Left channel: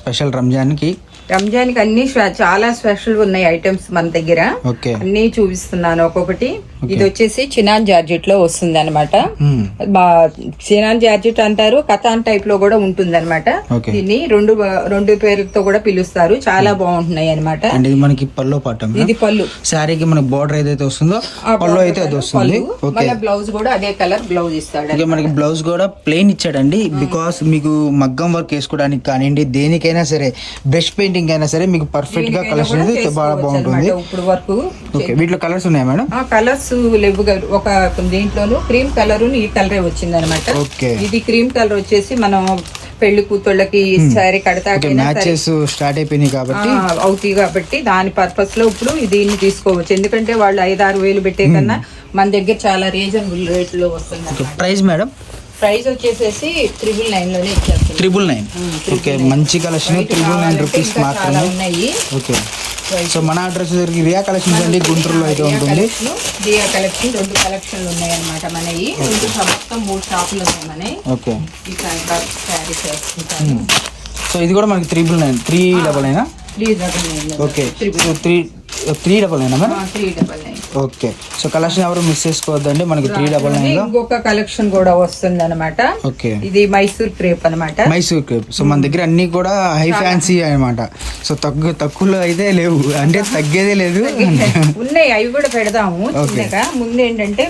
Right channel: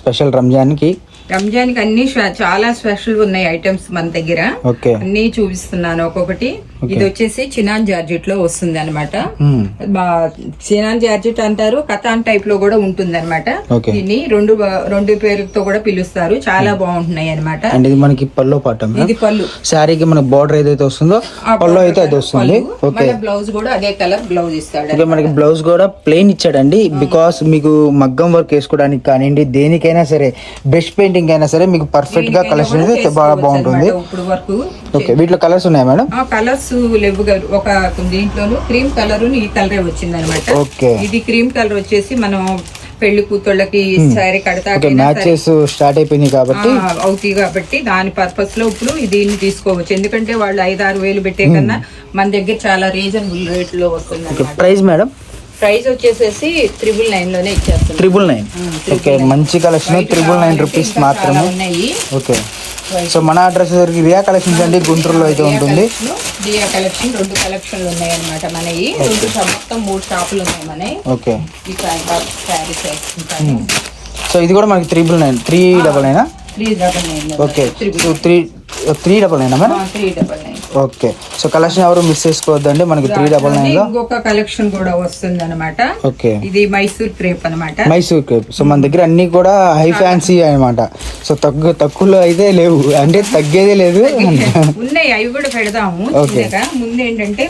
Special Ramzan కి అన్ని చాలా స్పెషల్ ఉన్నాయి ఐటమ్స్ మన దగ్గర. అన్ని చూపిస్తున్నాను ఒక్కొక్కటి. ఇది వచ్చేసి చినాన్ జార్జెట్ లో వస్తుంది అనమాట. చినాన్ జార్జెట్ అంటారు, కథాన్ టైప్ లో కూడా ఉంటుంది అనమాట. దీన్ని రెండు పేర్లతో కూడా పిలుస్తారు. చాలా బాగుంటున్నాయి అనమాట. మనకి పళ్ళు పాట, ఇది పళ్ళు సారీకి మన బార్డర్ ఏదైతే వస్తుందో పళ్ళు అయితే అది వస్తుంది. బ్లౌజ్ కూడా అదే కలర్ బ్లౌజ్ ఇస్తాడు. మనకి బ్లౌజ్ కూడా ప్లెయిన్ ఇచ్చాడండి. బికాస్ మీకు మగ్గం వర్క్ వేసుకోవడానికి కానివ్వండి, దేనికైనా సరే బ్రష్ పెయింటింగ్ అయినా సరే మీకు పర్ఫెక్ట్ గా కలెక్షన్ బాగా బాగుంటుంది. ఇప్పుడు వరకు వీటిలో కలర్స్ ఉన్నాయి మేడం? కలర్స్ లేవు. ఒక దీంట్లోనూ క్రీమ్ కలర్ ఈ కలరే వచ్చింది అనమాట. ఇది క్రీమ్ కలర్ వచ్చేసి మనం పెళ్లి కూతుళ్ళకి సారీ కడతాకైనా స్టార్ట్ అయిపోయింది కాబట్టి అవుతాయి కాబట్టి దాని పర్పస్ లో ఇప్పుడు దీన్ని తీసుకోవచ్చు. ఎందుకంటే వాళ్ళు 5-6 వేలు పెట్టే కన్నా మన దగ్గర చాలా రీజనబుల్ రేట్ లో వస్తుంది. Price madam? ప్రైస్ వచ్చేసేసి 999 లోనే ఇచ్చేస్తాం. 999. ఓకే, మంచి కలెక్షన్. 999 రూపీస్ మాత్రమే ఉన్నాయి. ఓకే, సో మన అడ్రస్ రియా కలెక్షన్స్ అండి, గుంటూరులో అయితే ఉంటుంది. రియా కలెక్షన్ 2 కలెక్షన్లు ఉన్నాయి అనమాట మనవి. మొత్తం 3 షాపులు ఉన్నాయి మనవి. ఓకే, శారీస్ వేసుకుంటాము. సో ఇది కూడా మనకి 399. 399. 399. Okay, 399 madam? 399. Okay, so collection ఎవరు మిస్ చేసుకోవద్దండి. మనకి 399 లో ఇంకొక కలెక్షన్ కూడా వస్తుంది అనమాట. ఓకే, ఇది మైసూర్ క్రేప్ అనమాట. మైసూర్ క్రేప్. సో మన దగ్గర అన్ని కూడా హై ఫ్యాన్సీ అనమాట. సో తక్కువలో అయితే లేవు, అంటే తగ్గేదే లేదు. ఉన్నాయి, అవి కూడా పెడదాము. చిన్నగా ముందు ఏంటంటే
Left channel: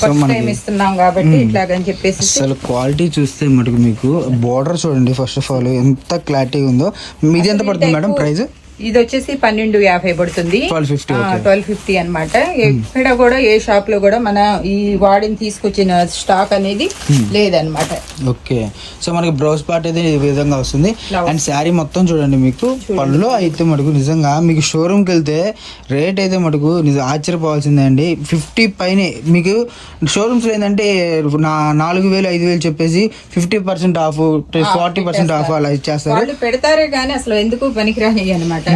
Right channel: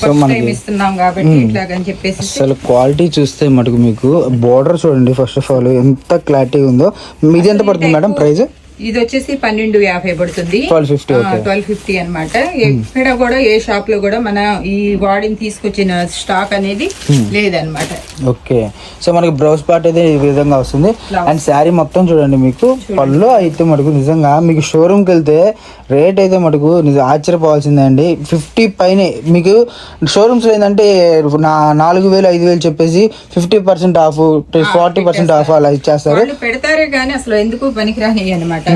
ఫస్ట్ టైం ఇస్తున్నాం కాబట్టి ఇట్లాగని చెప్పేసి. అసలు క్వాలిటీ చూస్తే మటుకు మీకు బోర్డర్ చూడండి. ఫస్ట్ ఆఫ్ ఆల్ ఎంత క్లారిటీ ఉందో. మీది ఎంత పడుతుంది మేడం ప్రైస్? ఇది వచ్చేసి 1250 పడుతుంది. 1250 అనమాట. ఎక్కడ కూడా ఏ షాప్ లో కూడా మన ఈ వాడిని తీసుకొచ్చిన స్టాక్ అనేది లేదనమాట. ఓకే, సో మనకి బ్లౌజ్ పార్ట్ అయితే ఈ విధంగా వస్తుంది. అండ్ శారీ మొత్తం చూడండి. మీకు పళ్ళు అయితే మటుకు నిజంగా మీకు షోరూమ్ కి వెళ్తే రేట్ అయితే మటుకు ఆశ్చర్యపోవాల్సిందే అండి. 50 పైనే మీకు షోరూమ్స్ ఏంటంటే 4000-5000 చెప్పేసి 50% ఆఫ్, 40% ఆఫ్ అలా ఇచ్చేస్తారు. వాళ్ళు పెడతారే కానీ అసలు ఎందుకు పనికిరాని అనమాట.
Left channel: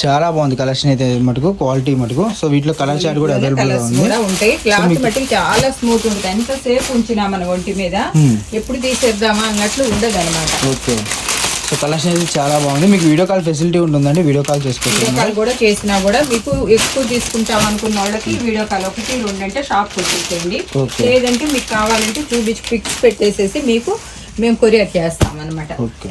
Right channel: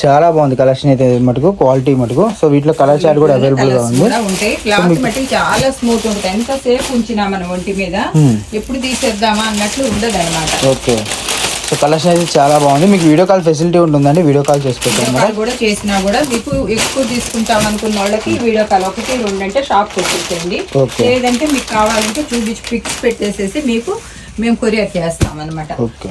చాలా బాగుంది కలెక్షన్ అయితే మటుకు, క్వాలిటీ మటుకు. సో వీటిలో కలర్ చార్ట్ కూడా అవైలబుల్ గా ఉంటాయి. క్లాత్ మటుకు చాలా స్మూత్ ఉంటుంది. ఎంత సేపు ఉంచినా మన ఒంటి మీద ఎప్పుడు తీసేద్దామా అన్నట్లు ఉండదు అనమాట. ఓకే, సో కలెక్షన్ అయితే చాలా బాగుంది. మీకు వీడియో కాల్ ఫెసిలిటీ ఉంటుందండి. వీడియో కాల్ చేసుకోవాలి కూడా చేసినా కూడా మీకు ఎక్కువ తీసుకుంటాం అనుకున్న వాళ్ళకి వీడియో కాల్ 1-2 అంటే షాప్ వచ్చేసేయండి. లేదంటే మీకు కావాలంటే చూపించి పిక్స్ పెట్టేసేసి మీకు మేము కొరియర్ చేస్తాం అనమాట. ఓకే.